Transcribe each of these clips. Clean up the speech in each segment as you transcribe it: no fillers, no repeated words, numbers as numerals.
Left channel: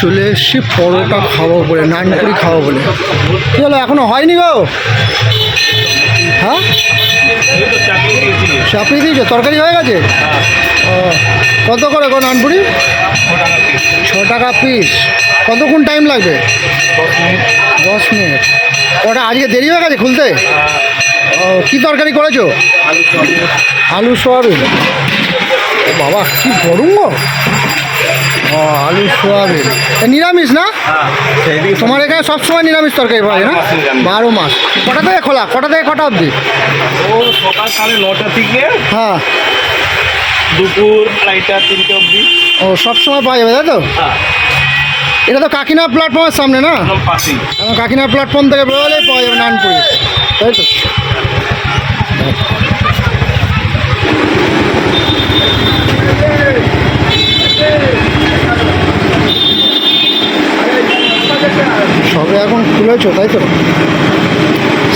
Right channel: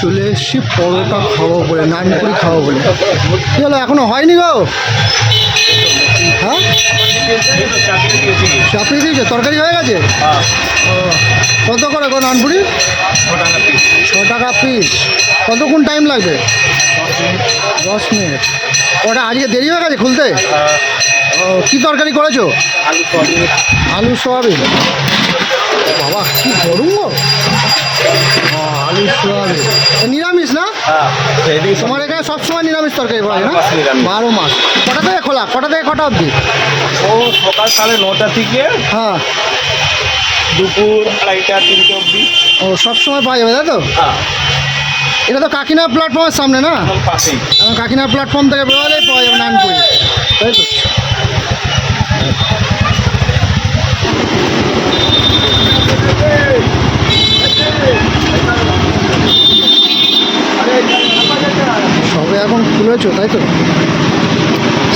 চলে এসছি পরোটা খাবো বলে, নানপুরি খাবো বলে। কী হলো, এখনো হয়নি গো? হ্যাঁ, চাপিয়ে দিয়েছে, তরকারি হয়ে গেছে। ও, কত করে গো নানপুরি? 6 টাকা পিস। কতক্ষণ টাইম লাগবে? 10 মিনিট। ওটা আজকে দেরি হয়ে গেছে খুলতে? ও, কী তরকারি করেছো? আলু সোয়াবিন। ও বাবা, কী গরম গো। ও, আলু সোয়াবিন। নিরামিষ না? তোমার এখানে সবসময় নিরামিষ তরকারি পাওয়া যায় না? 12 মাস। কটা থেকে খোলা, কটা থেকে কটা অবধি? ও সকাল 9:30 থেকে হ্যাঁ। দুপুর 2:30 3টে অবধি। ও, সবসময় পাওয়া যাবে তাই তো? হ্যাঁ, এটা তো কাকিনা প্ল্যাটফর্মের সামনে না? একদম পাশেই। এখন কাকিনা প্ল্যাটফর্ম থেকে বেরোলেই পাওয়া যাবে নানপুরি, তাই তো? সবে এখন খুলেছো তাই তো?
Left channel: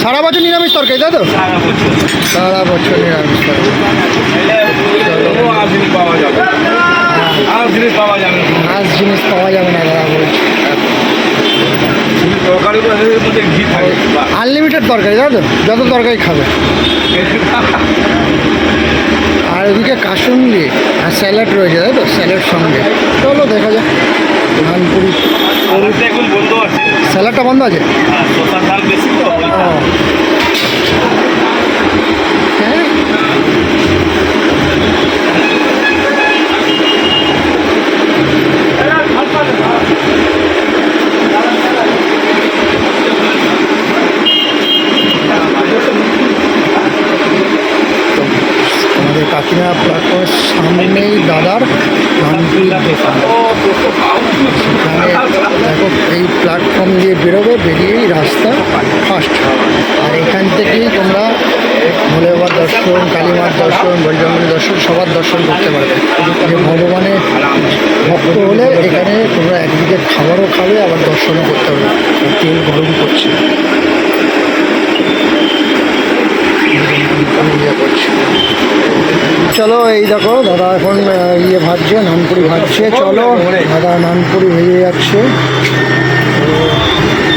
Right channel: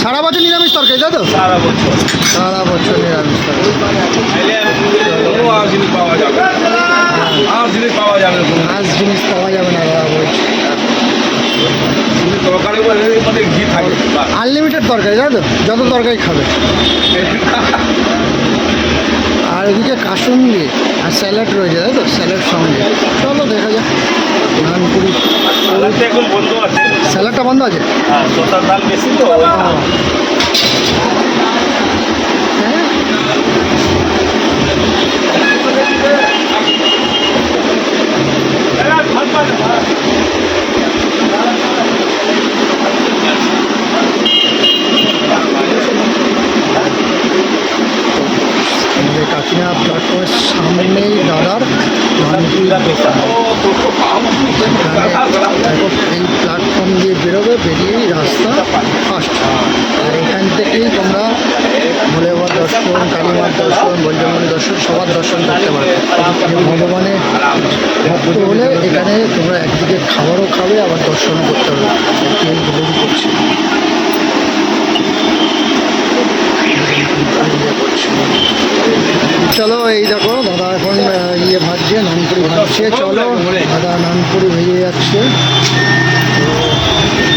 সারা বছর নিরামিষ তরকারি তাই তো? সারা বছর সারা বছর নিরামিষ তরকারি। এলে কোনো আজ জিনিস পাওয়া যাবে, আজ জিনিস পাওয়া যাবে না। আজ জিনিস পাওয়া যাবে না দাদা বলছি। তরকারি এর মধ্যে ঘি থাকে। আনলিমিটেড তরকারি তাই তো? যত তরকারি খাবে। আর ওদিকে কাসুন্দি আর স্যালাড রয়েছে তাই তো? স্যালাড সঙ্গে। চলো দেখা যাক নানপুরি। সালাদটা এখন বন্ধ আছে। স্যালাডটা বন্ধ আছে? হ্যাঁ, শসার দাম বেশি তো। ও, হ্যাঁ। আমাদের কাকিনা প্ল্যাটফর্মের সামনেই দাদার নানপুরির দোকান। সেখানে দেখো, এই প্ল্যাটফর্ম দিয়ে বেরোবে, বেরিয়েই রাস্তা ফার্স্ট। আর এখান থেকেই তোমরা ভোলে বাবার দর্শন, কালীমার দর্শন, বজরঙ্গলী দর্শন সবার দর্শন করতে পারবে। যে ভগবানের ভক্ত হলে এখানে তোমরা একদিকে খাবারও খাবে, আবার দর্শনও করতে পারবে। তেল গরম করছে, চলো এই দেখো দাদা এখন ভাজছে, নানপুরি ভাজছে। চলো দাদা নানপুরি ভেজে যাচ্ছে। তো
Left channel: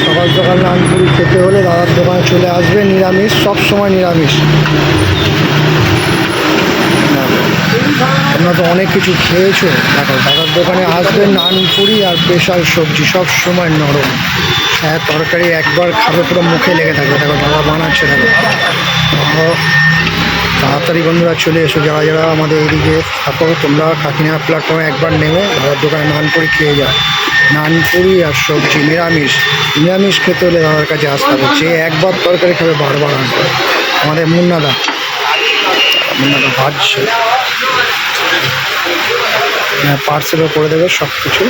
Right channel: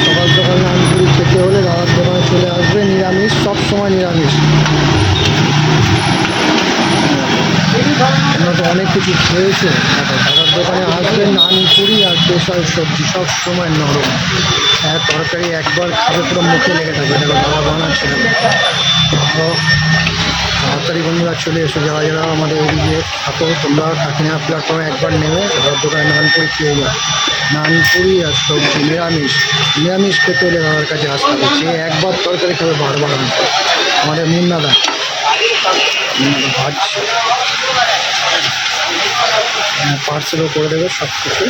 সকাল সকাল নানপুরি খেতে হলে দাদার দোকানে চলে আসবে। নিরামিষ, সব সময় নিরামিষ। তোমরা তো অনেক কিছু খেয়েছো, দেখো দাদার দোকানে আসবে, নানপুরি আর স্পেশাল সবজি সব সময় নরম। হ্যাঁ, তরকারি একবার খাবে পুরো মুখে লেগে থাকবে। দেখো দাদা বানাচ্ছে, দেখো। তাড়াতাড়ি বন্ধুরা চলে এসো, যারা যারা আমাদের এদিকে থাকো তোমরা কাকিনা প্ল্যাটফর্মে একবার নেমে দাদার দোকানে নানপুরি খেয়ে যাও। নানপুরি আর সবজি নিরামিষ। নিরামিষ খেতে হলে দাদার কাছে আসতে হবে। যে একবার তরকারি খাবে বারবার আসবে। আমাদের মুন্নাদা ভাজছে। হ্যাঁ, পার্সেলও করে দেবে সব কিছু।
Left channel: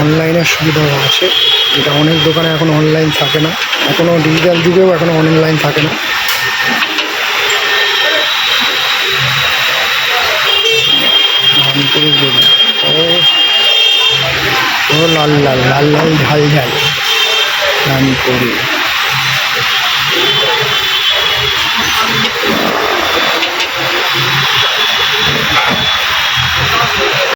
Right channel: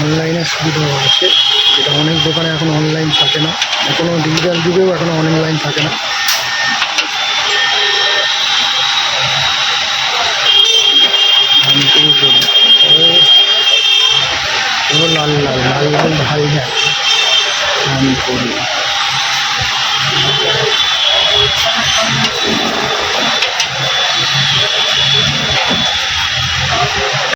অনলাইনের সুবিধাও আছে, যেটা অনেক দোকানে এখন অনলাইন থাকে না। এখনও ডিজিটাল যুগেও এখনও অনলাইন থাকে না। ও লাল লাল লাল লাল ঝাল ঝাল নানপুরি।